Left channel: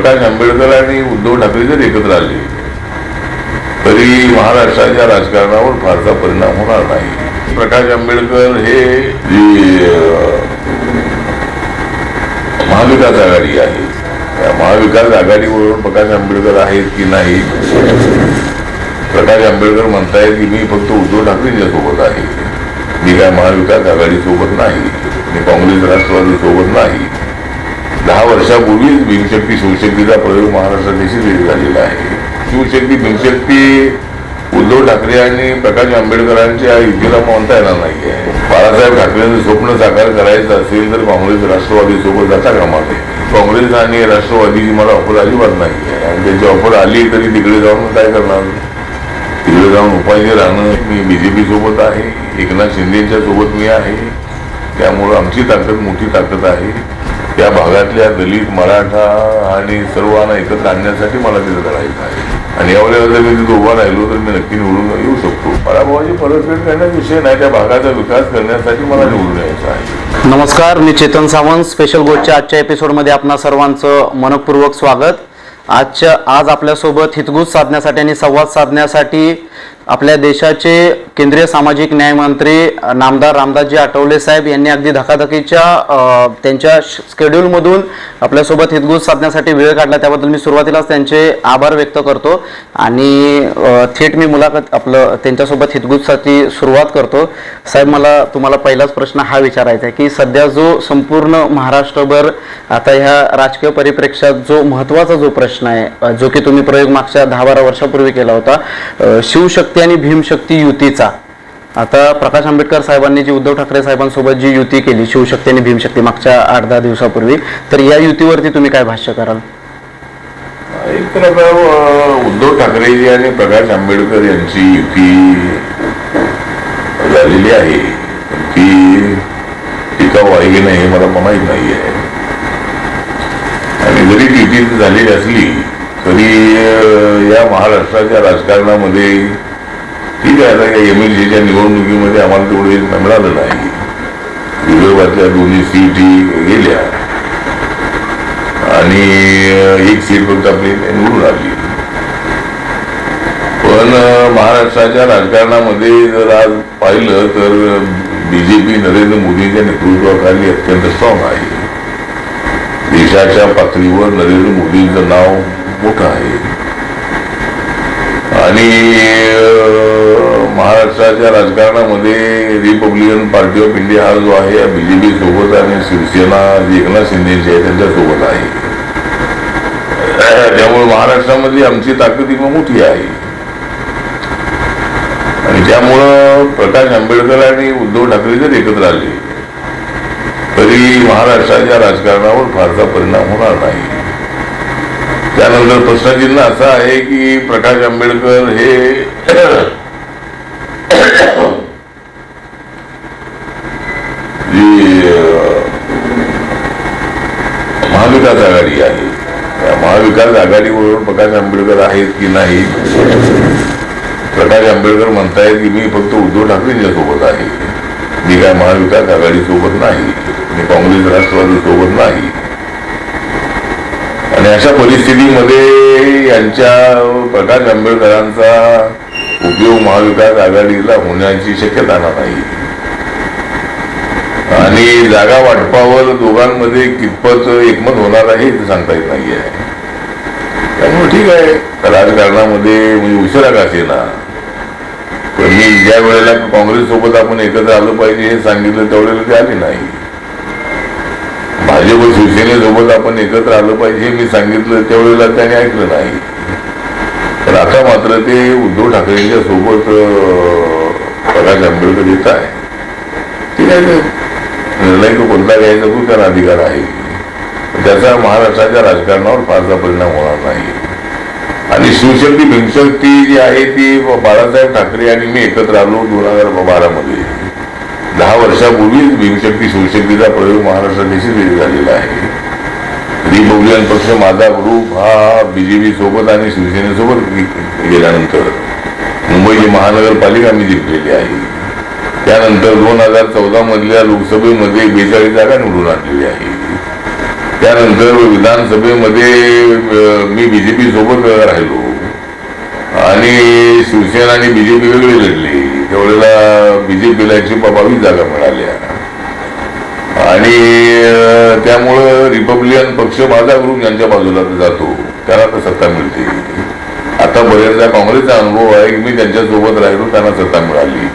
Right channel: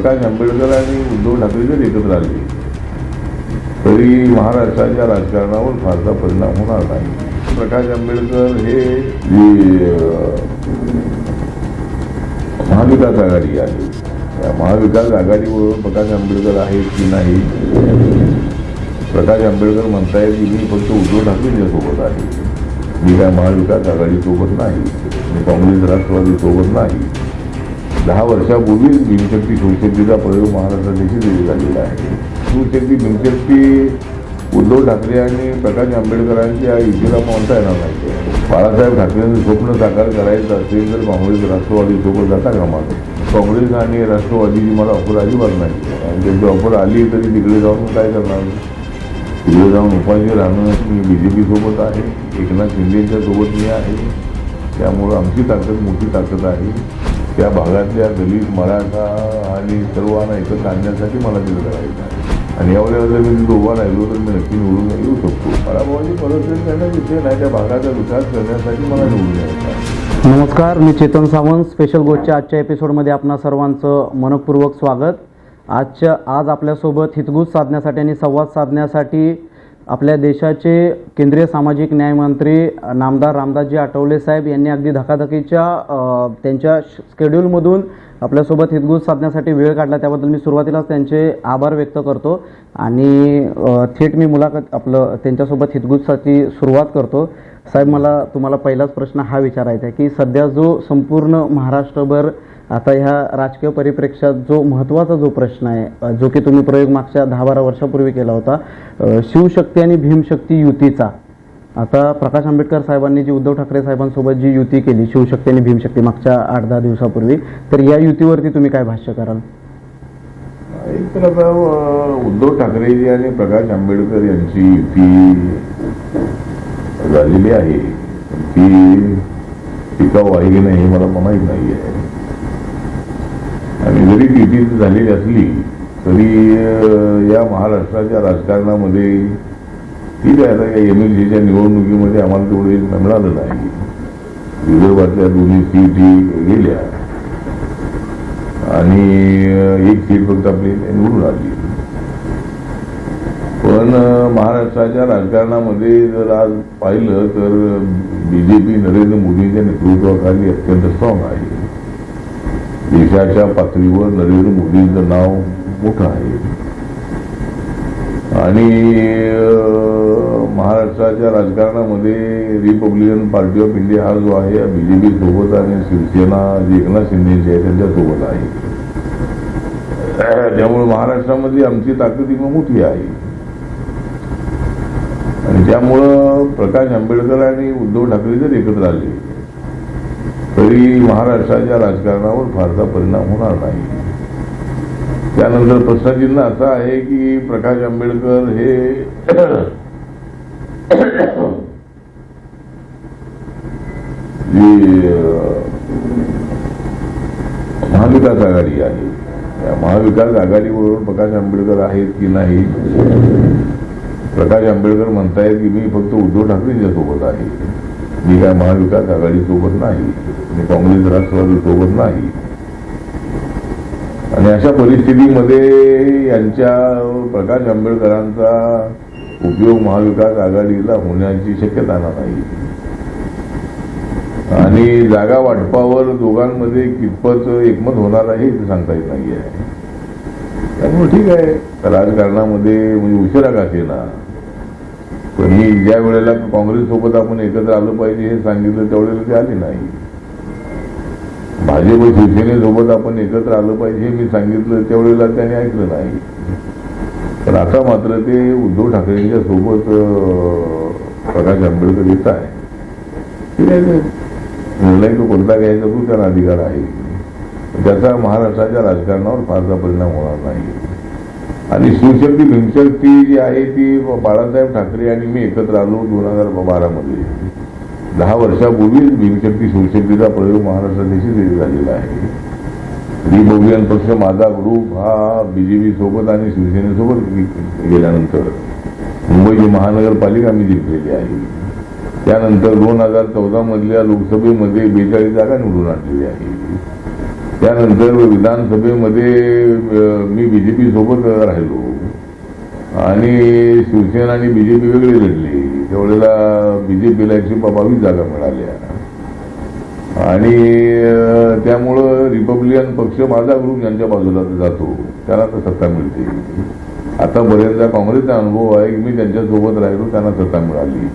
प्रकाश आंबेडकर आणि उद्धव ठाकरे जर एकत्र आले तरी महाराष्ट्राच्या राजकारणावर फारसा परिणाम होणार नाही. प्रकाश आंबेडकर हे जी महाविकास आघाडी आहे त्या महाविकास आघाडीवरून प्रकाश आंबेडकर आहेत की नाही? प्रकाश आंबेडकर म्हणतायत की मी फक्त उद्धव ठाकरेंच्या सोबत आहे. मी काय महाविकास आघाडीसोबत नाही? मी काँग्रेस राष्ट्रवादीसोबत नाही? दहा वर्षापूर्वीच भीमशक्ती शिवशक्तीचा प्रयोग महाराष्ट्रात निश्चित झालेला आहे. शिवशक्ती भीमशक्ती उद्धव ठाकरे आणि प्रकाश आंबेडकरांच्या युतीला म्हणता येणार नाही. आहे बाळासाहेब ठाकरेंचं स्वप्न साकार करायचं असेल तर काँग्रेस राष्ट्रवादी सोबत जाता कामा नये. काँग्रेस आणि राष्ट्रवादीची मला ऑफर अजिबात नाही. आहे आणि त्यांची ऑफर आली तरी तिकडे जाऊन काय करणार? तिकडे जाऊन उपाय राहणं मी बीजेपी सोबत आहे. एकनाथ शिंदेच्या सोबत मी आहे. त्यामुळं आमची ताकद मोठी ताकद आहे. त्या भागातल्या दलित मराठा आणि सर्वांना एकत्र आणण्यासाठी मला तिथं करायचं आहे. आणि यावेळेला जर मी तिथं उभा राहिलो तर मी नक्की निवडून येऊ शकतो. पराभवाची परतफेड करण्याचा विषय नाही त्या भागाचा विकास करण्यासाठी मला निवडून यायचं आहे. नमस्कार मी चेतन सावंत. स्पेशल गोष्टच्या आजच्या एपिसोडमध्ये आपणा सर्वांचं मनपूर्वक स्वागत. आजच्या आज आपल्यासोबत हितगुज साधण्यासाठी आणि संवाद साधण्यासाठी आपल्या देशाचे केंद्रीय सामाजिक न्याय मंत्री नामदार रामदासजी आठवले साहेब यांनी अगदी धकाधकीच्या त्यांच्या स्केड्यूलमधून आपल्यासोबत हितगुज साधण्यासाठी वेळ काढला. त्याबद्दल मी सुरुवातीलाच त्यांचे आभार व्यक्त करतो आणि थेट मी मुलाखत आपलं त्यांच्यासोबत हितगुजसाठी सुरुवात करतो. साहेब मला तुम्हाला पहिलाच प्रश्न हा विचारायचा आहे की सध्या जो संपूर्ण महाराष्ट्रभर आता ह्या राजकीय परिप्रेक्षात जो महत्त्वाचा जो प्रश्न आहे जो की तुम्ही प्रयोग मागच्या दहा बारा वर्षापूर्वी केला होता शिवशक्ती शिवशक्ती आणि भीमशक्ती युतीचा. आता प्रकाश आंबेडकर साहेबांनी जी उद्धव ठाकरे साहेबांसोबत जी युती केली शिवशक्ती आणि भीमशक्ती मागच्या आठ दहा दिवसापूर्वी तर या युतीवरती तुम्ही काय भाष्य कराल? एक उद्धव ठाकरेजी आणि प्रकाश आंबेडकर यांची युती झालेली आहे. ती टिकाऊ आहे की नाही हे मला माहीत नाही आहे आणि जरी युती झालेली असली तरी या महाराष्ट्राच्या राजकारणामध्ये ठीक आहे आता या एम एल सीच्या निवडणुकीमध्ये आम्हाला तेवढे मिळालं नाही. विदर्भातल्या दोन्ही सीटी गेल्या. आणि एक सीट फक्त आपली निवडून आली. पण महाराष्ट्राच्या राजकारणामध्ये जर आज पाहिलं तर बीजेपी नरेंद्र मोदींच्या नेतृत्वाखाली अत्यंत स्ट्रॉंग आहे. देशाच्या पातळीवर नरेंद्र मोदींचं नाव मोठं आहे. आणि महाराष्ट्राच्या राजकारणामध्ये रिपब्लिकन पार्टी ऑफ इंडिया हा जो आहे बीजेपी सोबत आणि शिवसेना जी एकनाथ शिंदेची आहे त्यांच्यासोबत आहे. त्यामुळे महाराष्ट्रामध्ये आमची ताकद ही मोठी आहे. आणि त्यामुळं प्रकाश आंबेडकर आणि उद्धव ठाकरे जर एकत्र आले तरी महाराष्ट्राच्या राजकारणावर फारसा परिणाम होणार नाही. त्यानंतर प्रश्नचिन्ह असं आहे की प्रकाश आंबेडकर हे जी महाविकास आघाडी आहे. त्या महाविकास आघाडीवरून प्रकाश आंबेडकर आहेत की नाही? प्रकाश आंबेडकर म्हणतायत की मी फक्त उद्धव ठाकरेंच्या सोबत आहे. मी काय महाविकास आघाडी सोबत नाही? मी काँग्रेस राष्ट्रवादी सोबत नाही? आणि अशा परिस्थितीमध्ये यांच्या प्रकाश आंबेडकरांचा उपयोग महाविकास आघाडीला होण्याची शक्यता नाही. आणि जागा वाटपावर दोघांमध्ये कितपत एकमत होणार आहे हे सांगता येत नाही आहे त्यामुळे ठीक आहे. राजकारणामध्ये म्हणजे उशिरा का ना पण मी ज्या वेळेला काँग्रेस सोबत आपण एकत्र आलं पाहिजे हे सांगितलं त्यावेळेला ते आले नाही. भाजप शिवसेनेसोबत आपण एकत्र आलं पाहिजे मी सांगितलं त्यावेळेला त्याने ऐकलं नाही. तर आता मात्र ते उद्धव ठाकरेंच्या सोबत प्रकाश आंबेडकर येत आहे. ठीक आहे निर्णय तो कोणता घ्यायचा तो त्यांना अधिकार आहे. त्याचा महाराष्ट्राच्या राजकारणावर फारसा परिणाम होणार नाही. आणि शिवशक्ती भीमशक्ती जी आहे ती बाळासाहेब ठाकरे आणि मी एकत्र आलो दोन हजार बारामध्ये दहा वर्षापूर्वीच भीमशक्ती शिवशक्तीचा प्रयोग महाराष्ट्रात निश्चित झालेला आहे. रिपब्लिकन पक्ष माझा ग्रुप हा बीजेपी सोबत आणि शिवसेनेसोबत गेल्यानंतर मुंबईची महानगरपालिका मी जिंकलेली आहे. त्यानंतर दोन हजार चौदा मधल्या लोकसभेमध्ये बेचाळीस जागा निवडून आणलेली आहे. त्यानंतर विधानसभेमध्ये मी बीजेपी सोबत राहिलो. आणि शिवसेना आणि बीजेपी वेगळी लढले. त्यावेळेला बीजेपीला एकशे बावीस जागा मिळाल्या. आणि त्यामुळं रिपब्लिकन पक्ष माझा ग्रुप ज्यांच्या बाजूला जातो त्यांना तर सत्ता मिळते. आता बऱ्याचदा काँग्रेसचा अनुभव आहे की मी त्यांच्यासोबत राहिलो त्यांना सत्ता मिळाली.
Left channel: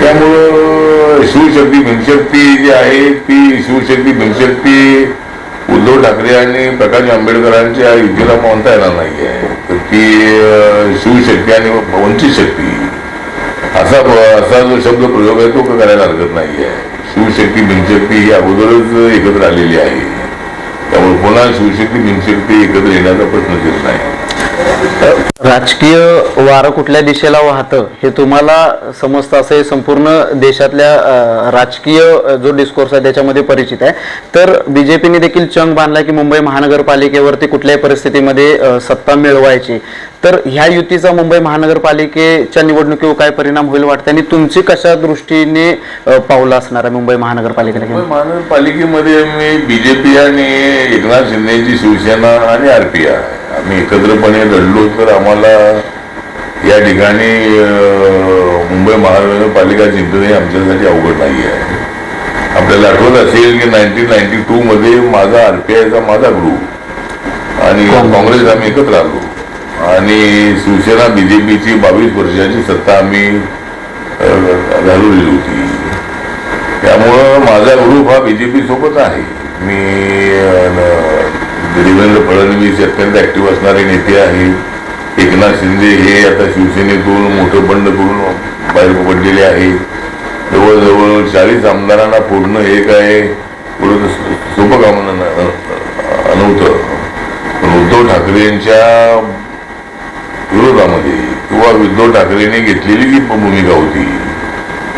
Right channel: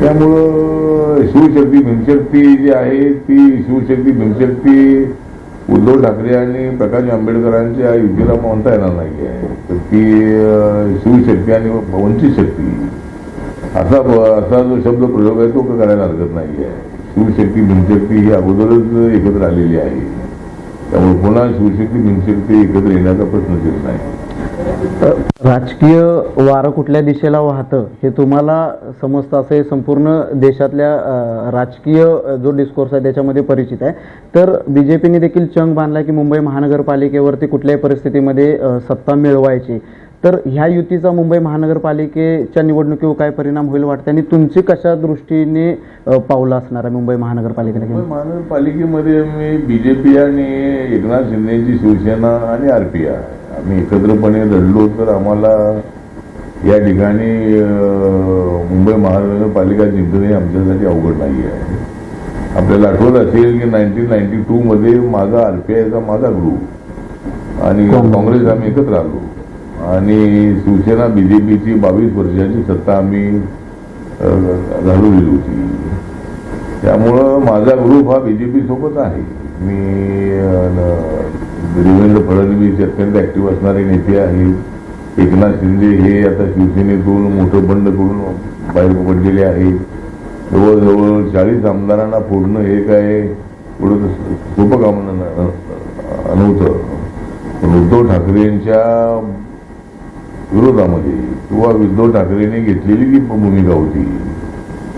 त्यामुळं शिवशक्ती भीमशक्ती जी आहे ती शिवशक्ती भीमशक्ती उद्धव ठाकरे आणि प्रकाश आंबेडकरांच्या युतीला म्हणता येणार नाही आहे तर ती शिवशक्ती आणि वंचित शक्ती असा असा जो शब्द प्रयोग आहे तो करायला हरकत नाही आहे शिवशक्ती भीमशक्ती ही अगोदरच एकत्र आलेली आहे. त्यामुळे पुन्हा शिवशक्ती भीमशक्ती एकत्र येण्याचा प्रश्नच येत नाही. राजकीय वारं कुठल्या दिशेला वाहतं हे तुम्हाला समजतं असं हे संपूर्ण देशातल्या राजकीय जो डिस्कोर्स आहे त्याच्यामध्ये परिचित आहे. तर बीजेपीने देखील चंग बांधला की मुंबई महानगरपालिकेवरती कुठल्याही परिस्थितीमध्ये सत्ता मिळवायची. तर ह्या युतीचा मुंबई महानगरपालिकेच्या निवडणुकीवर काय परिणाम होईल वाटतं? आणि तुमची कशा दृष्टीने पावलं असणार आहे मुंबई महानगरपालिकेला मुंबई महानगरपालिकेमध्ये मी बीजेपी आणि एकनाथ शिंदेची शिवसेना आणि आरपीआय आम्ही एकत्रपणे लढलो तर आम्हाला या ठिकाणी मुंबई महानगरपालिका जिंकणे आमच्यासाठी अवघड नाही आहे. आपल्याला आठवत असेल की नाईन्टीन नाईन्टी टू मध्ये माझा आरपीआयचा माझा ग्रुप आणि काँग्रेस आम्ही एकत्र आलो. आणि शिवसेना बीजेपीची बावीस वर्षाची सत्ता आम्ही घालवलेली होती. त्यामुळं माझा ग्रुप हा बीजेपी सोबत आहे. मी देवेंद्र फडणवीस अत्यंत ऍक्टिव्ह असणारे नेते आहेत एकनाथ शिंदे हे आता शिवसेनेतून मोठं बंड करून बाहेर पडलेले आहे. जवळजवळ चाळीस आमदारांना फोडणं हे काय पुढं सोपं काम नव्हतं. पण उद्धव ठाकरेंच्या विरोधामध्ये. किंवा उद्धव ठाकरेंनी घेतलेली जी भूमिका होती.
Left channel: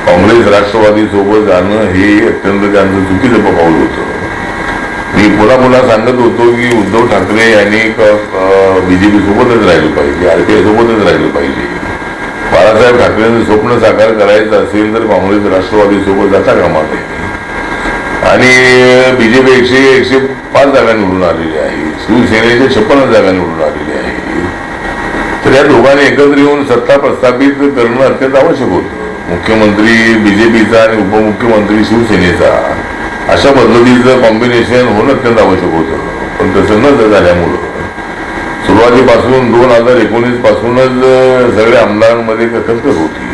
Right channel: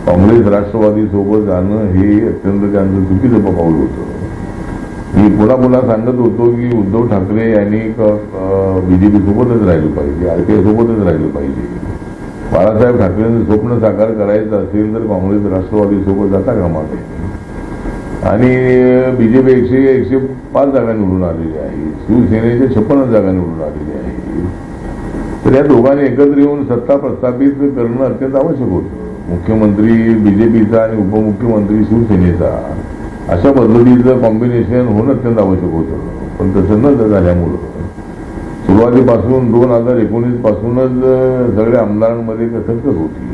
काँग्रेस राष्ट्रवादी सोबत जाणं हे अत्यंत त्यांचं चुकीचं पाऊल होतं. मी पुन्हा पुन्हा सांगत होतो की उद्धव ठाकरे यांनी बीजेपी सोबतच राहिलं पाहिजे आरपीआय सोबतच राहिलं पाहिजे. बाळासाहेब ठाकरेंचं स्वप्न साकार करायचं असेल तर काँग्रेस राष्ट्रवादी सोबत जाता कामा नये. आणि बीजेपी एकशे एकशे पाच जागा निवडून आलेली आहे. शिवसेनेच्या छप्पन्न जागा निवडून आलेली आहे. तर या दोघांनी एकत्र येऊन सत्ता प्रस्थापित करणं अत्यंत आवश्यक होतं. मुख्यमंत्री बीजेपीचा आणि उपमुख्यमंत्री शिवसेनेचा. अशा पद्धतीचं कॉम्बिनेशन होणं अत्यंत आवश्यक होतं. पण तसं न झाल्यामुळं. सुरुवातीपासून दोन हजार एकोणीस पासूनच सगळ्या आमदारांमध्ये कथकच होती.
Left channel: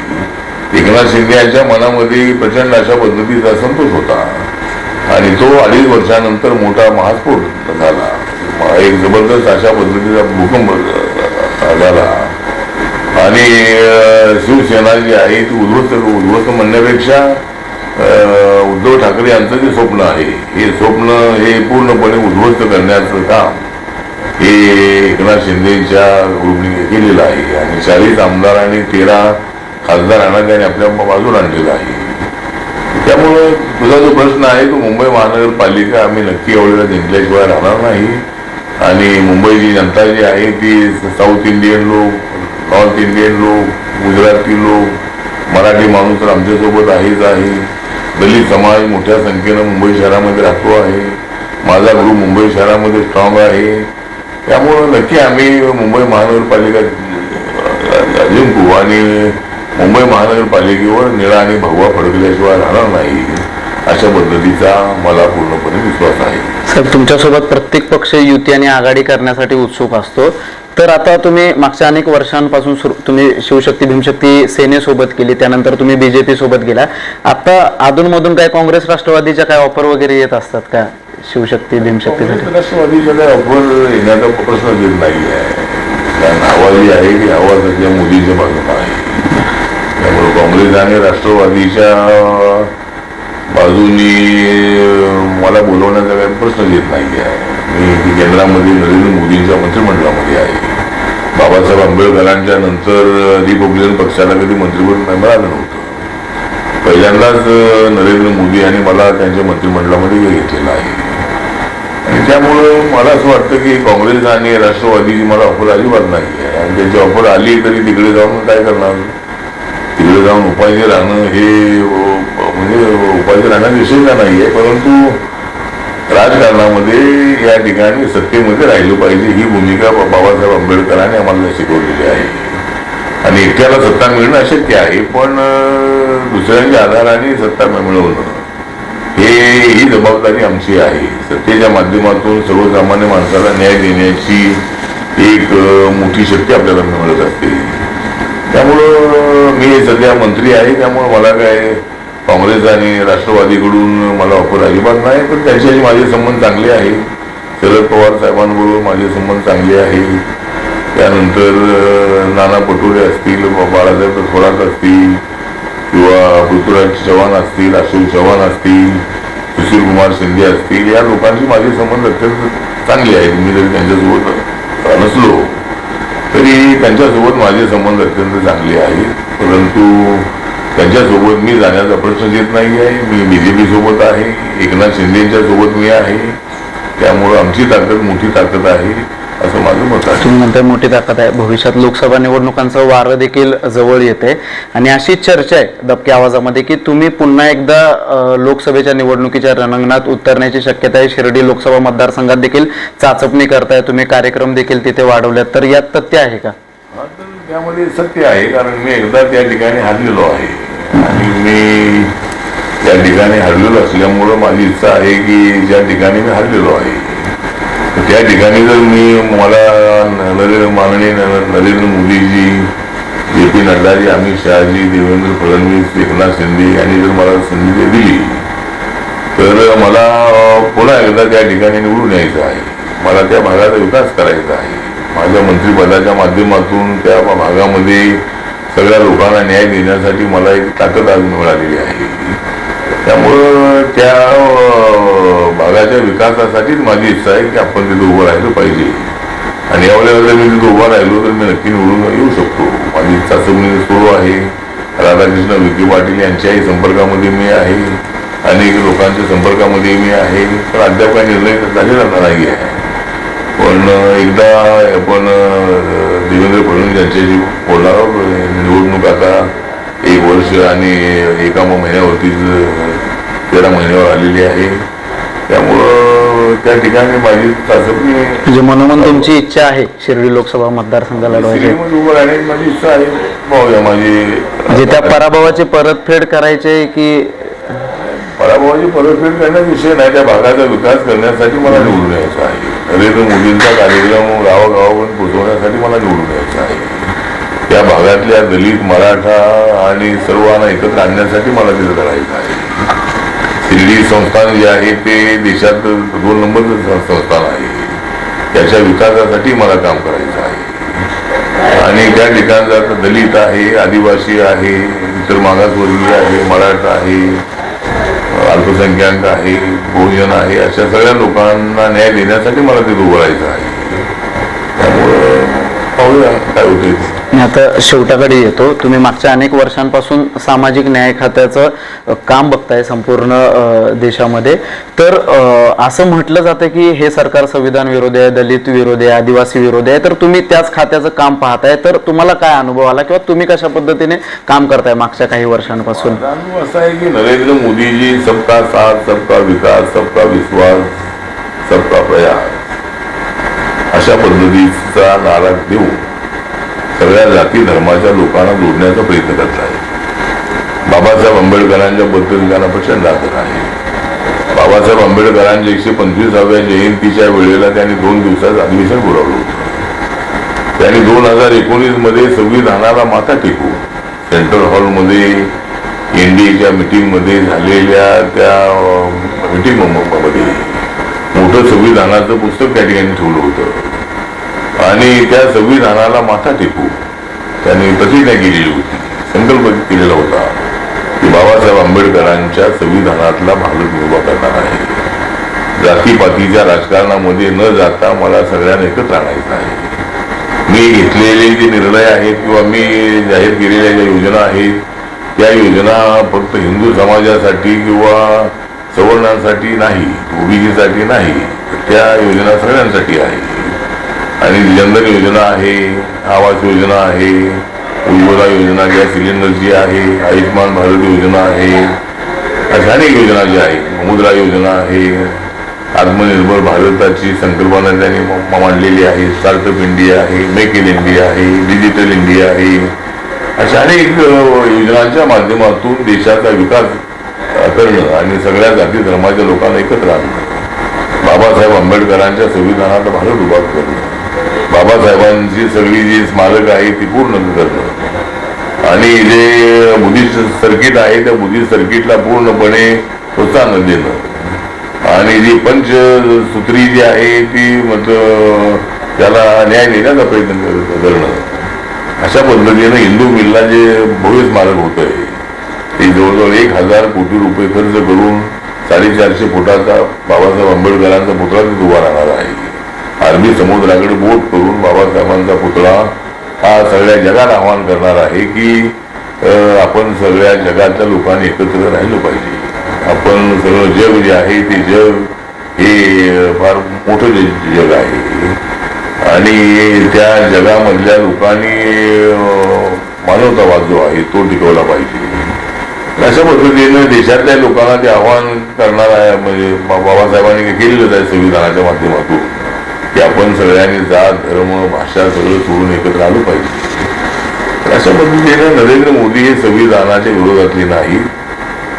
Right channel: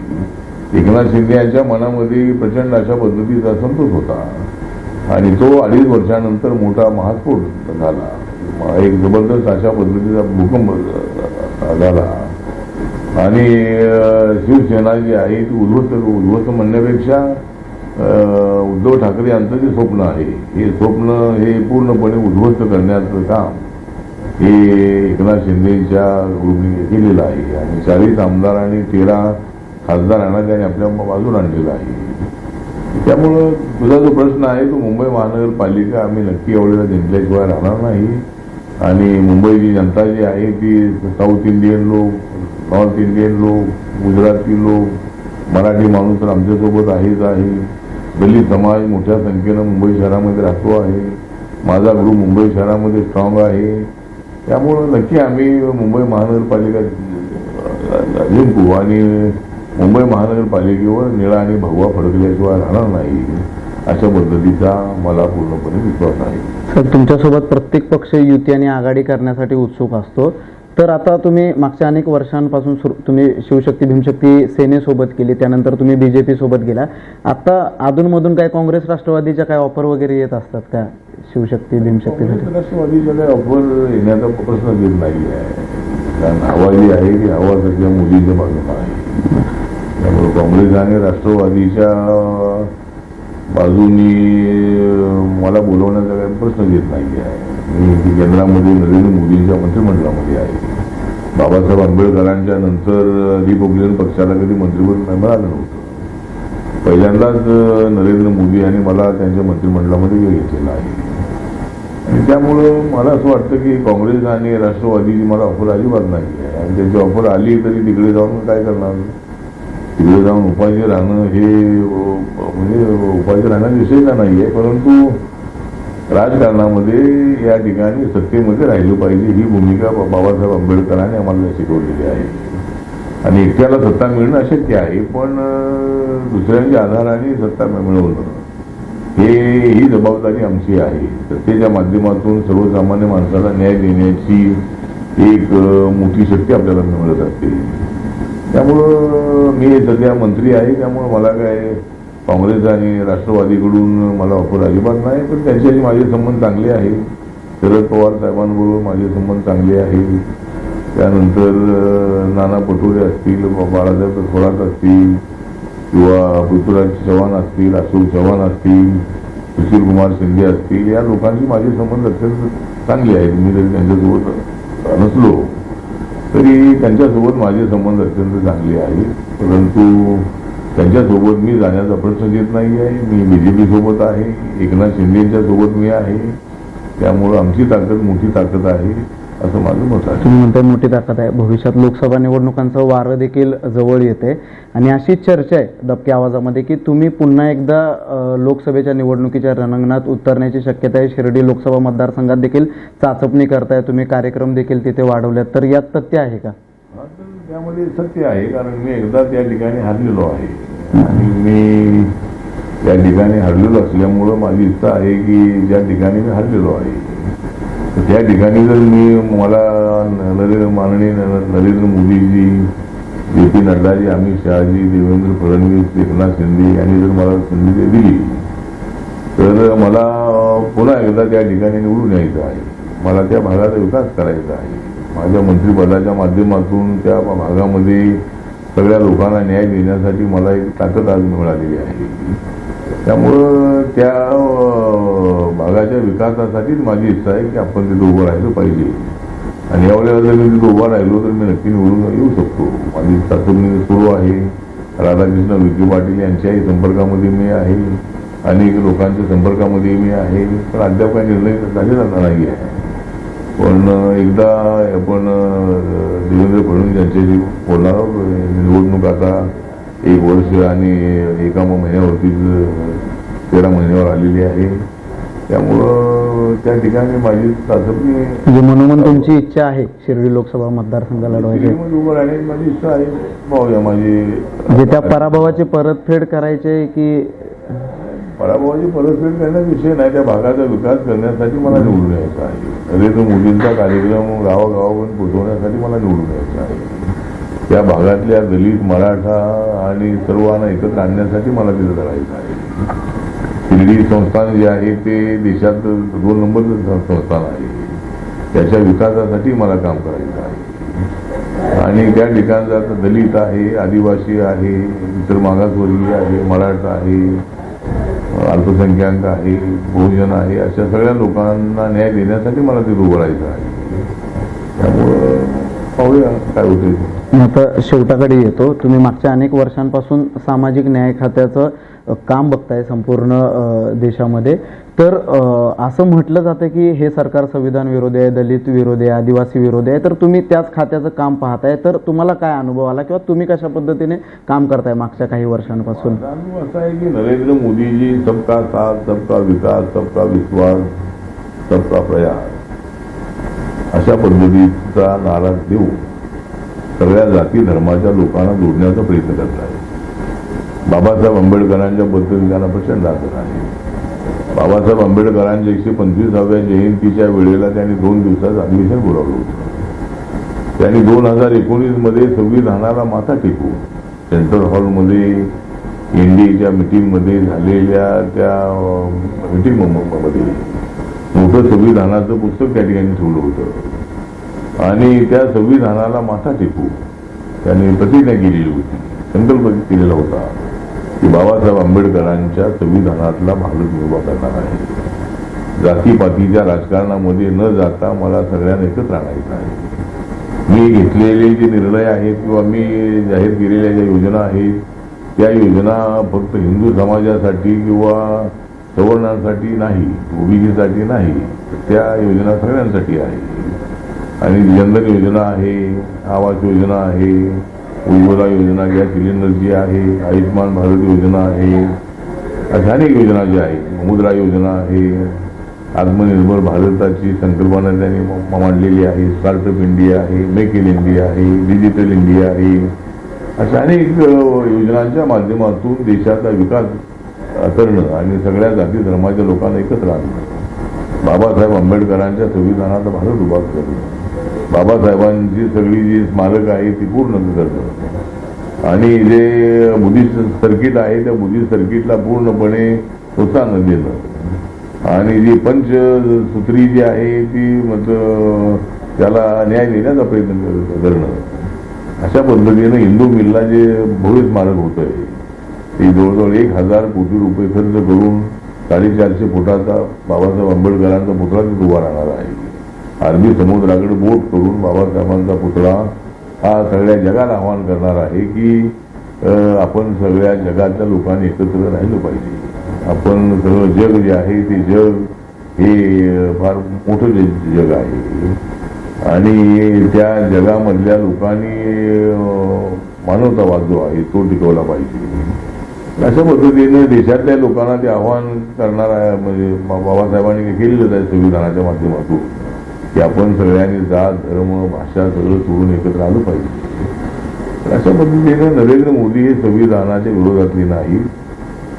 एकनाथ शिंदे यांच्या मनामध्ये प्रचंड अशा पद्धतीचा संतोष होता. आणि तो अडीच वर्षानंतर मोठा महास्फोट झाला. एक जबरदस्त अशा पद्धतीचा भूकंप झाला आणि शिवसेना जी आहे ती उद्ध्वस्त उद्ध्वस्त म्हणण्यापेक्षा उद्धव ठाकरे यांचं जे स्वप्न आहे हे स्वप्न हे पूर्णपणे उद्ध्वस्त करण्याचं काम हे एकनाथ शिंदेच्या ग्रुपने केलेलं आहे. आणि चाळीस आमदार आणि तेरा खासदारांना त्यांनी आपल्या बाजूला आणलेला आहे. त्यामुळं तुझा जो प्रश्न आहे तो मुंबई महानगरपालिका आम्ही नक्की आवडीला जिंकल्याशिवाय राहणार नाही. आणि मुंबईची जनता जी आहे ती साऊथ इंडियन लोक नॉर्थ इंडियन लोक गुजराती लोक मराठी माणूस तर आमच्यासोबत आहेच आहे. दलित समाज मोठ्या संख्येनं मुंबई शहरामध्ये राहतो आहे. माझा ग्रुप मुंबई शहरामध्ये स्ट्रॉंग आहे. त्यामुळं नक्की आम्ही मुंबई महानगरपालिका जिंकू आणि मुंबई महानगरपालिकेवर निळा आणि भगवा फडकल्याशिवाय राहणार नाही अशा पद्धतीचा मला पूर्णपणे विश्वास आहे. साहेब तुमच्यासोबत प्रत्येक पक्ष युती आणि आघाडी करण्यासाठी उत्सुक असतो. तर आता तुम्ही मागच्या अनेक वर्षांपासून सुरू तुम्ही शिवशक्ती भीमशक्ती सेनेसोबत केली त्यानंतर तुम्ही बी जे पीसोबत गेला. आता अधूनमधून काय काँग्रेस राष्ट्रवादीच्या काय ऑफर वगैरे येत असतात का शिवशक्ती भीमशक्तीसाठी काँग्रेस राष्ट्रवादीचा ऑफर येण्याचा प्रश्न येत नाही आहे. कारण आवाज जी आहे ती आवाज सध्या मोदीच्या बाजूला आहे त्यामुळे काँग्रेस आणि राष्ट्रवादीच्या बाजूनी मला बोलवण्याचा काही प्रश्न येत नाही आहे मी केंद्रामध्ये नरेंद्र मोदींच्या मंत्रिमंडळामध्ये आहे. बाबासाहेब आंबेडकरांच्या नंतर रिपब्लिकन पक्षाला कधी मंत्रिमंडळ मिळालं नव्हतं. पहिल्यांदाच नरेंद्र मोदी यांनी मला त्यांच्या मंत्रिमंडळामध्ये घेतलेलं आहे. आणि त्यामुळं मला असं वाटतं की काँग्रेस आणि राष्ट्रवादीची मला ऑफर अजिबात नाही आहे आणि त्याची ऑफर आली तरी तिकडे जाऊन काय करणार? तिकडे जाऊन उपाय राहणं हे म्हणजे उपायचे राहण्याचा विषय नाही आहे परंतु राजकारणामध्ये या ठिकाणी सत्तेमध्ये राहिलं पाहिजे ही भूमिका बाबासाहेब आंबेडकरांनी आम्हाला शिकवलेली आहे. आणि एकट्याला सत्ता मिळणं अशक्य आहे पण दुसऱ्यांच्या आधाराने सत्ता मिळवणं हे ही जबाबदारी आमची आहे. सत्तेच्या माध्यमातून सर्वसामान्य माणसाला न्याय देण्याची एक मोठी शक्ती आपल्याला मिळत असते. त्यामुळं मी सध्या मंत्री आहे त्यामुळं मला काय काँग्रेस आणि राष्ट्रवादीकडून मला ऑफर अजिबात नाही पण त्यांच्याशी माझे संबंध चांगले आहे. शरद पवार साहेबांबरोबर माझे संबंध चांगले आहे. त्यानंतर नाना पटोले असतील बा- बाळासाहेब थोरात असतील किंवा पृथ्वीराज चव्हाण असतील अशोक चव्हाण असतील सुशील कुमार शिंदे असतील या लोकांशी माझे संबंध अत्यंत चांगले आहेत. मी जरी त्यांच्यासोबत नसलो तरी त्यांच्यासोबत माझे संबंध अत्यंत चांगले आहेत. परंतु त्यांच्यासोबत मी जाण्याचा प्रश्न येत नाही आहे मी बी जे पी सोबत आहे. एकनाथ शिंदेच्या सोबत मी आहे. त्यामुळं आमची ताकद मोठी ताकद आहे असं माझं मत आहे. तुम्ही म्हणताय मोठी ताकद आहे. भविष्यात लोकसभा निवडणुकांचं वारं देखील जवळ येते. आणि अशी चर्चा आहे दबक्या आवाजामध्ये की तुम्ही पुन्हा एकदा लोकसभेच्या निवडणुकीच्या रणांगणात उतरण्याची शक्यता आहे. शिर्डी लोकसभा मतदारसंघात देखील चाचपणी करताय तुम्ही. कार्यक्रम देखील तिथे वाढवल्यात. तर यात तथ्य आहे का? त्यामध्ये सत्य आहे. कारण मी एकदा त्या ठिकाणी हरलेलो आहे. आणि मी त्या ठिकाणी हरलेलो असल्यामुळं माझी इच्छा आहे की ज्या ठिकाणी मी हरलेलो आहे. त्या ठिकाणी जर मी मला नरेंद्र माननीय नरेंद्र मोदीजी जे पी नड्डाजी अमित शहाजी देवेंद्र फडणवीस एकनाथ शिंदे यांनी जर मला संधी दिली तर मला पुन्हा एकदा त्या ठिकाणी निवडून यायचं आहे. मला त्या भागाचा विकास करायचा आहे. माझ्या मंत्रिपदाच्या माध्यमातून त्या भागामध्ये सगळ्या लोकांना न्याय देण्यासाठी मला एक ताकद आज मिळालेली आहे. त्यामुळं त्या भागाच्या विकासासाठीच माझी इच्छा आहे की आपण तिथं उभं राहिलं पाहिजे. आणि यावेळेला जर मी तिथं उभा राहिलो तर मी नक्की निवडून येऊ शकतो. माझी चाचपणी सुरू आहे. राधाकृष्ण विखे पाटील यांच्याही संपर्कामध्ये मी आहे. अनेक लोकांच्या संपर्कामध्ये मी आहे. पण अद्याप काही निर्णय झालेला नाही आहे. पण एकदा आपण देवेंद्र फडणवीस यांच्याशी बोलणार निवडणूक आता एक वर्ष आणि एका महिन्यावरतीच तेरा महिन्यावर आलेली आहे. त्यामुळं त्या ठिकाणी माझी म्हणजे मनोमन तुमची इच्छा आहे शिर्डी लोकसभा मतदारसंघ लढवायची सिनेमात उभं राहण्याची माझी इच्छा आहे. पाहूया माझी म्हणजे त्या पराभवाची परतफेड करायची की पराभवाची परतफेड करण्याचा विषय नाही त्या भागाचा विकास करण्यासाठी मला निवडून यायचं आहे. नरेंद्र मोदींचा कार्यक्रम गावागावापर्यंत पोहोचवण्यासाठी मला निवडून यायचं आहे. त्या भागातल्या दलित मराठा आणि सर्वांना एकत्र आणण्यासाठी मला तिथं लढायचं आहे. शिर्डी संस्थान जे आहे ते देशात दोन नंबरचं संस्थान आहे. त्याच्या विकासासाठी मला काम करायचं आहे. आणि त्या ठिकाणचा दलित आहे आदिवासी आहे इतर मागासवर्गीय आहे मराठा आहे अल्पसंख्याक आहे बहुजन आहे अशा सगळ्या लोकांना न्याय देण्यासाठी मला तिथे उभारायचं आहे. त्यामुळं पाहूया काय होते मी आता शेवटाकडे येतो. तुम्ही मागच्या अनेक वर्षांपासून सामाजिक न्याय खात्याचं काम बघताय संपूर्ण देशामध्ये. तर असं म्हटलं जातं की हे सरकार संविधान विरोधी आहे दलित विरोधी आहे आदिवासी विरोधी आहे तर तुम्ही त्याच खात्याचं काम पाहताय. तर तुम्हाला काय अनुभव आला किंवा तुम्ही कशा पद्धतीने काम करताय मागच्या काही वर्षांपासून? असं अनुभव असा आहे की नरेंद्र मोदीजी सबका साथ सबका विकास सबका विश्वास सबका प्रयास अशा पद्धतीचा नारा देऊ सगळ्या जाती धर्माच्या लोकांना जोडण्याचा प्रयत्न करत आहे. बाबासाहेब आंबेडकरांच्या बद्दल प्रचंड आदर आहे. बाबासाहेब आंबेडकरांच्या एकशे पंचवीसाव्या जयंतीच्या वेळेला त्यांनी दोन दिवसात अधिवेशन बोलावलं होतं. त्यांनी दोन हजार एकोणीसमध्ये संविधानाला माथा टेकून सेंट्रल हॉलमध्ये एनडीएच्या मीटिंगमध्ये झालेल्या त्या मीटिंगमध्ये मोठं संविधानाचं पुस्तक त्या ठिकाणी ठेवलं होतं. आणि त्या संविधानाला माथा टेकून त्यांनी प्रतिज्ञा केलेली होती. संकल्प केलेला होता की बाबासाहेब आंबेडकरांच्या संविधानातला भाग उभा करणार आहे. जातीपातीच्या राजकारणामध्ये न जाता मला सगळ्यांना एकत्र आणायचं आहे. मी घेतलेले जे निर्णय आहेत किंवा मी जाहीर केलेल्या ज्या योजना आहेत त्या योजना फक्त हिंदू समाजासाठी किंवा सवर्णांसाठी नाही ओबीसीसाठी नाही त्या योजना सगळ्यांसाठी आहे. आणि जनधन योजना आहे आवास योजना आहे उज्ज्वला योजना गॅस सिलेंडरची आहे आयुष्यमान भारत योजना आहे अशा अनेक योजना ज्या आहेत. मुद्रा योजना आहे आत्मनिर्भर भारताची संकल्पना त्यांनी मांडलेली आहे स्टार्टअप इंडिया आहे मेक इन इंडिया आहे डिजिटल इंडिया आहे. अशा अनेक योजनांच्या माध्यमातून देशाचा विकास करणं आणि सगळ्या जाती धर्माच्या लोकांना एकत्र आणणं. बाबासाहेब आंबेडकरांच्या संविधानात भारत उभा करणं. बाबासाहेबांची सगळी जी स्मारक आहे ती पूर्ण करतो. आणि जे बुद्धिस्ट सर्किट आहे त्या बुद्धिस्ट सर्किटला पूर्णपणे प्रोत्साहन देणं. आणि जी पंचसूत्री जी आहे ती म्हटलं त्याला न्याय देण्याचा प्रयत्न करणं. अशा पद्धतीनं हिंदू मिलला जे भव्य स्मारक होत आहे ते जवळजवळ एक हजार कोटी रुपये खर्च करून साडेचारशे फुटाचा बाबासाहेब आंबेडकरांचा पुतळा तिथे उभा राहणार आहे. अरबी समुद्राकडे बोट करून बाबासाहेबांचा पुतळा हा सगळ्या जगाला आवाहन करणार आहे की आपण सगळ्या जगातल्या लोकांनी एकत्र राहिलं पाहिजे. आपण सगळं जग जे आहे ते जग हे फार मोठं जग आहे. आणि त्या जगामधल्या लोकांनी मानवतावाद जो आहे तो टिकवला पाहिजे. अशा पद्धतीनं देशातल्या लोकांना ते आव्हान करणार आहे म्हणजे बाबासाहेबांनी केलेलंच आहे संविधानाच्या माध्यमातून. की आपण सगळ्यांनी जात धर्म भाषा सगळं सोडून एकत्र आलो पाहिजे. तर अशा पद्धतीनं नरेंद्र मोदी हे संविधानाच्या विरोधातले नाही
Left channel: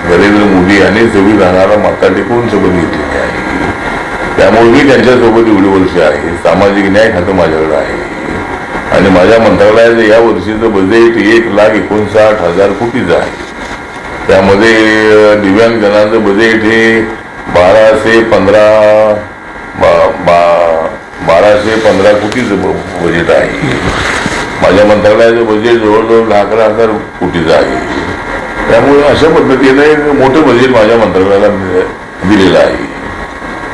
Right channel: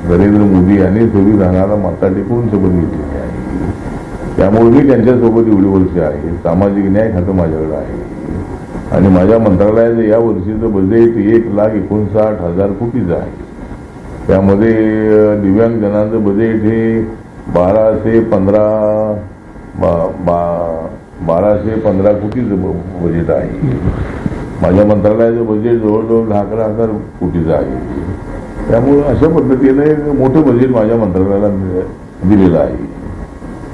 नरेंद्र मोदी यांनी संविधानाला माता टेकवून शपथ घेतलेली आहे. त्यामुळे मी त्यांच्यासोबत एवढी वर्ष आहे. सामाजिक न्याय खातं माझ्याकडे आहे. आणि माझ्या मंत्रालयाचं या वर्षीचं बजेट एक लाख एकोणसाठ हजार कोटीचं आहे. त्यामध्ये दिव्यांगजनांचं दिव्यांग बजेट हे बाराशे पंधरा बा- बा- बाराशे पंधरा कोटीचं ब- बजेट आहे. माझ्या मंत्रालयाचं बजेट जवळजवळ दहा अकरा हजार कोटीचं आहे. त्यामुळे अशा पद्धतीने मोठं बजेट माझ्या मंत्रालयाला दि- दिलेलं आहे.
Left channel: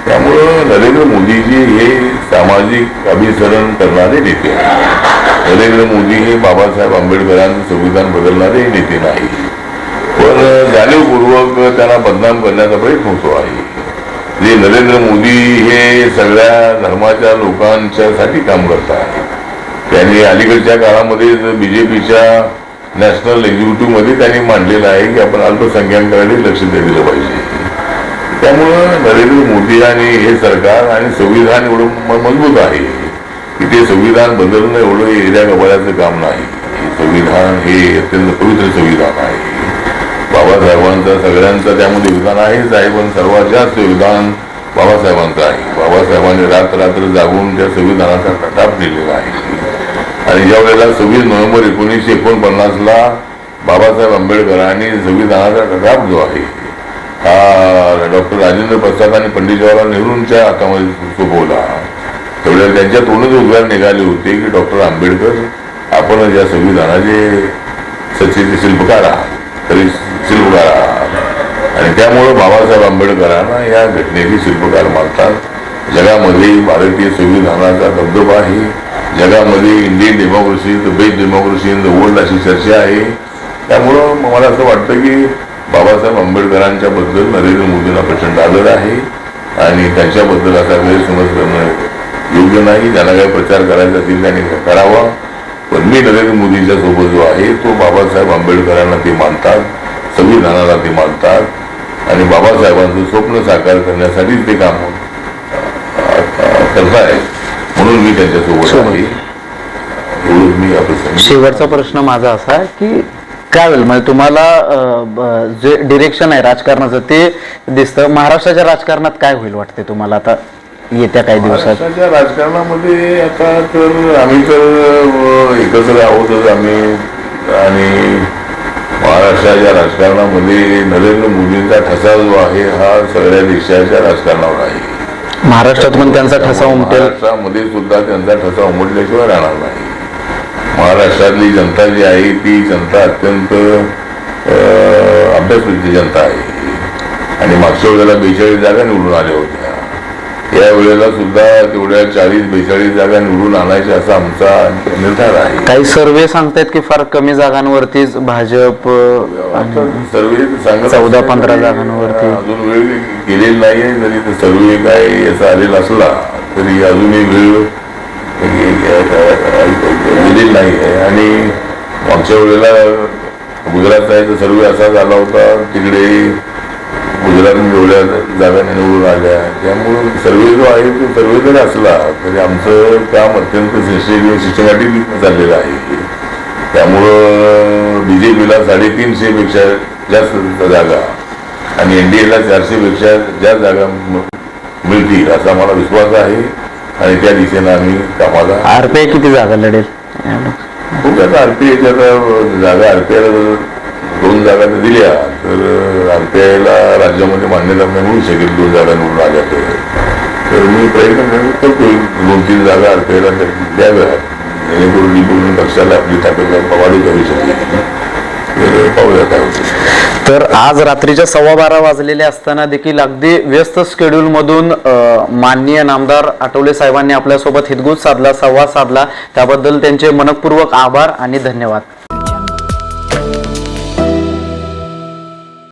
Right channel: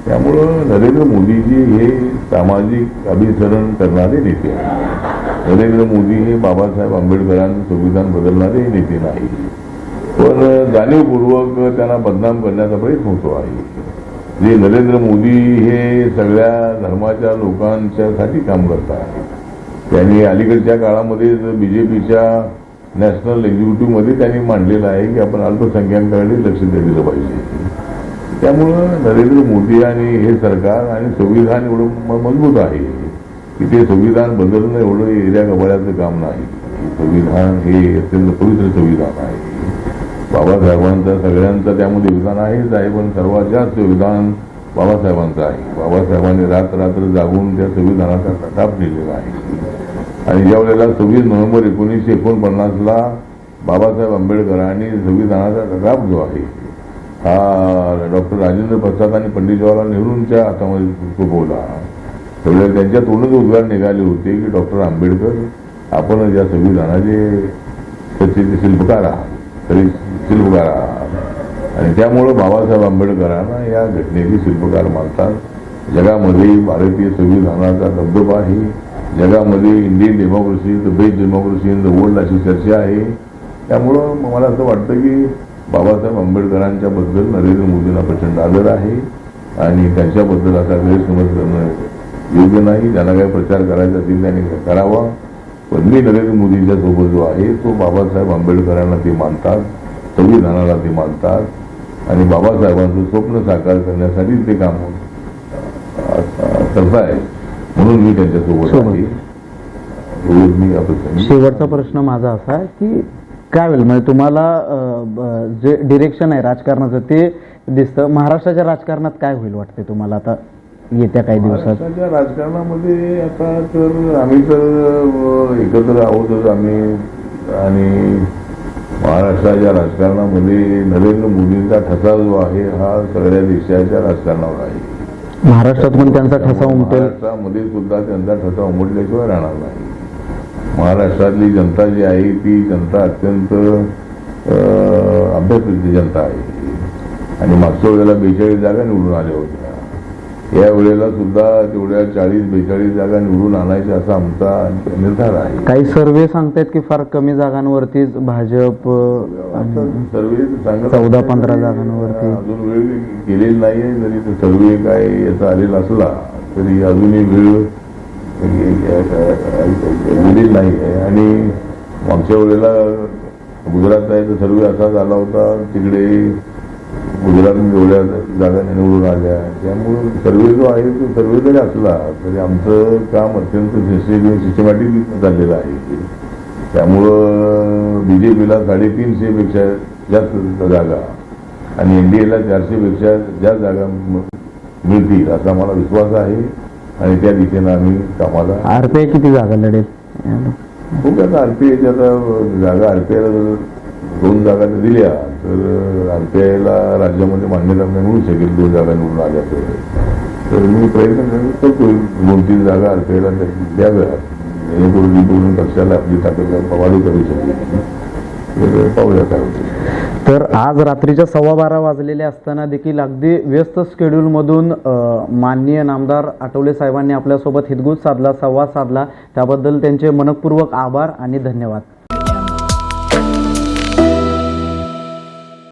त्यामुळं नरेंद्र मोदीजी हे सामाजिक अभिसरण करणारे नेते आहेत. नरेंद्र मोदी हे बाबासाहेब आंबेडकरांचं संविधान बदलणारे नेते नाही पण जाणीवपूर्वक त्यांना बदनाम करण्याचा प्रयत्न होतो आहे. जे नरेंद्र मोदी हे सगळ्या धर्माच्या लोकांच्यासाठी काम करतात त्यांनी अलीकडच्या काळामध्ये बीजेपीच्या नॅशनल एक्झिक्युटिव्हमध्ये त्यांनी मांडलेलं आहे की आपण अल्पसंख्याकांकडे लक्ष दिलं पाहिजे. त्यामुळं नरेंद्र मोदी आणि हे सरकार आणि संविधान एवढं मजबूत आहे की ते संविधान बदलणं एवढं एरिया गबाळ्याचं काम नाही. संविधान हे अत्यंत पवित्र संविधान आहे. बाबासाहेबांचं सगळ्यांचा त्यामध्ये योगदान आहेच आहे. पण सर्वात जास्त योगदान बाबासाहेबांचं आहे. बाबासाहेबांनी रात्र रात्र जागून त्या संविधानाचा कटाप दिलेला आहे. आणि ज्या वेळेला सव्वीस नोव्हेंबर एकोणीसशे एकोणपन्नासला बाबासाहेब आंबेडकरांनी संविधानाचा कटाप जो आहे हा डॉक्टर राजेंद्र प्रसाद आणि पंडित जवाहरलाल नेहरूंच्या हातामध्ये सोपवला त्यावेळेला त्यांच्या तोंडच उद्गार निघाले होते की डॉक्टर आंबेडकर आपण या संविधानाचे सचिव शिल्पकार आहात. तरी शिल्पकार आहात आणि त्यामुळं बाबासाहेब आंबेडकरांना या घटनेचे शिल्पकार मानतात. जगामध्ये भारतीय संविधानाचा दबदबा आहे जगामध्ये Indian democracy the best democracy in the world अशी चर्चा आहे. त्यामुळं मला असं वाटतं की बाबासाहेब आंबेडकरांच्या बद्दल नरेंद्र मोदींना प्रचंड आदर आहे. आणि त्यांच्याबद्दल असा गैरसमज करणं योग्य नाही. ज्यांना काही प्रचार करायचा असेल त्यांनी करावा. पण मी नरेंद्र मोदींच्या सोबत जो आहे तो बाबासाहेब आंबेडकरांना ते मानतात. संविधानाला ते मानतात आणि बाबासाहेबांचं स्वप्न साकार करण्यासाठी ते काम करतायत. म्हणून मी त्यांच्यासोबत आहे. शेवटचा प्रश्न माझा असा आहे की काय होईल? म्हणजे तुम्हाला जे डिरेक्शन आहे राजकारणाचं ते दिसतं. महाराष्ट्राच्या राजकारणात काय होईल वाटते तुम्हाला आता येत्या काही दिवसात? राजकारणामध्ये आता तर आम्ही तर एकत्र आहोतच आम्ही. आणि महाराष्ट्राच्या राजकारणामध्ये नरेंद्र मोदींचा ठसा जो आहे हा सगळ्या देशाच्या राजकारणावर आहे. महाराष्ट्रात पण त्यांचा ठसा उमटेल. महाराष्ट्रामध्ये सुद्धा त्यांचा ठसा उमटल्याशिवाय राहणार नाही. महाराष्ट्रातली जनता जी आहे ती जनता अत्यंत अभ्यासवृत्ती जनता आहे. आणि मागच्या वेळेला बेचाळीस जागा निवडून आल्या होत्या. या वेळेला सुद्धा तेवढ्या चाळीस बेचाळीस जागा निवडून आणायच्या असा आमचा निर्धार आहे. काही सर्वे सांगतायत की फार कमी जागांवरतीच भाजप सर्वे सांगत चौदा, पंधरा जागांवरती. अजून वेळ गेलेली नाही आहे जरी सर्वे काय याचा आलेला असला तरी अजूनही वेळ गेलेली नाही आहे. आणि मागच्या वेळेला गुजरातचा सर्वे असा झाला होता तिकडे गुजरातमध्ये एवढ्या जागा निवडून आल्या. त्यामुळं सर्वे जो आहे तो सर्वे जरी असला तरी आमचं काम अत्यंत सिस्टेमॅटिक सिस्टमॅटिक चाललेलं आहे. त्यामुळं बी जे पीला साडेतीनशे पेक्षा जास्त जागा आणि एन डी एला चारशेपेक्षा जास्त जागा मिळतील असा मला विश्वास आहे. आणि त्या दिशेनं आम्ही कामाला आरपीआय किती जागा लढेल? खूप आता आरपीआयच्या जागा आरपीआयला दोन जागा जर दिल्या तर आरपीआयला राज्यामध्ये मान्यता नाही मिळू शकेल दोन जागा निवडून आल्या तर. तर मी प्रयत्न करतो- करतोय दोन तीन जागा आरपीआयला द्याव्या. जेणेकरून रिपब्लिकन पक्षाला आपली ताकद वाढू करू शकेल तर पाहूया काय होतं. तर आज रात्रीच्या सव्वा बारा वाजलेले असताना देखील अगदी व्यस्त शेड्यूलमधून अ, माननीय नामदार आठवले साहेबांनी आपल्यासोबत हितगुज साधला संवाद साधला. त्याबद्दल त्यांचे मनपूर्वक आभार आणि धन्यवाद.